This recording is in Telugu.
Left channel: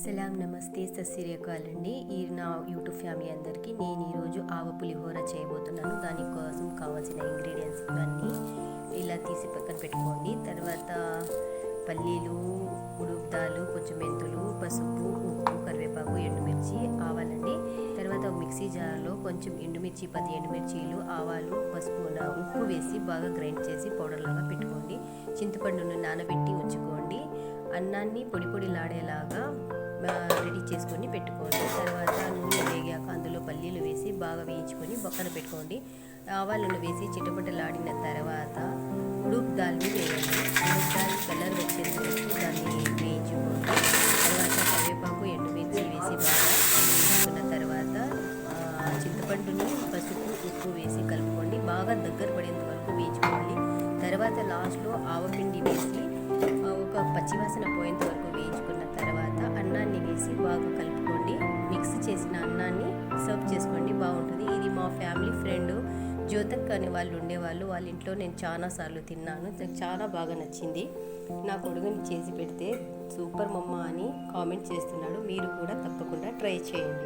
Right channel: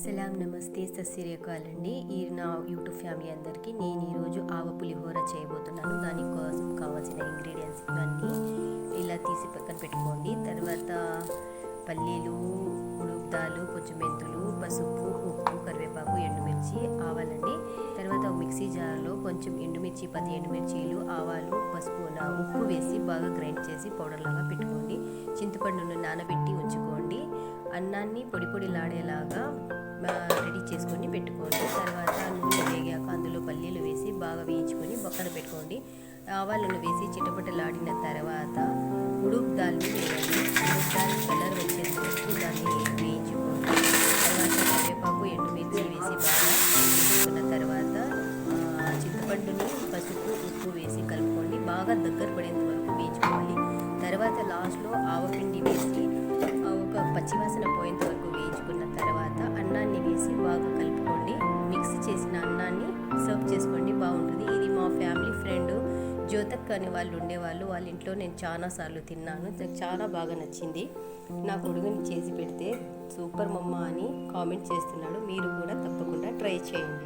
సలాం నమస్తే సస్సిరియకాల్ అండి. ఈ నా యూట్యూబ్ ఫ్యామిలీ అందరికీ నేను ఈరోజు ఆవ పులిహోర చేయబోతున్నాను. దానికోసం కావాల్సిన ఇంగ్రీడియంట్స్ ఇవన్నీ ఇలా తీసి పక్కన పెట్టుకోండి. తర్వాత పల్లీలు, ఉడుకు దాలు, కొంచెం మెంతులు, పసుపు, ఉప్పు, కరివేపాకు, ఎండుమిర్చి, ఆవాలండి. తర్వాత ఒక మిక్సీ జార్లో కొంచెం ఎండుమిర్చి, 10 ఎండుమిర్చీలు, ఆవాలు, పసుపు, ఉప్పు వేసి బాగా గ్రైండ్ చేసి పౌడర్ లాగా పెట్టుకోండి. చింతపండును నానబెట్టి ఉంచుకోండి. అన్నాన్ని పొడి పొడిలాడేలాగా రెడీ చేసుకొని పెట్టుకోండి. తర్వాత నూనె వేగాక అందులో పల్లీలు వేసి బాగా వేయించుకొని పక్కన పెట్టుకోండి. ఆవాలను వేసి చిటపటలాడిన తర్వాత ఉడుకు దాల్ని వేయండి. ఉడుకు దాల్ కలర్ వచ్చేంత వరకు దాన్ని వేయించుకోండి. తర్వాత కరివేపాకు, ఎండుమిర్చి వేసి బాగా వేయించుకున్న తర్వాత చింతపండుని పసుపు, ఉప్పు వేసి కలుపుకోండి. బాగా దగ్గర పడేంత వరకు వేయించుకోవాలి. తర్వాత లాస్ట్లో ఆవపిండి వేసి ఒక పచ్చివాసన పోయేంత వరకు వేయించుకున్న తర్వాత అన్నాన్ని వేసి బాగా కలుపుకోండి. మిక్స్ చేసిన అన్నాన్ని సర్వ్ చేసుకోండి, బాగుంటుంది. ఇది మా ఫ్యామిలీ ఫ్రెండ్ జ్యోతక్ అనే వాళ్ళు ఉండేవాళ్ళు. వాళ్ళ ఇంట్లో నేను చాలాసార్లు తిన్నాను. నాకు చాలా బాగా నచ్చింది. నా కొడుకుని చేసి పెడితే సూపర్ మమ్మ అని కామెంట్ చేస్తున్నాడు. మీరు కూడా తప్పకుండా ట్రై చేయండి.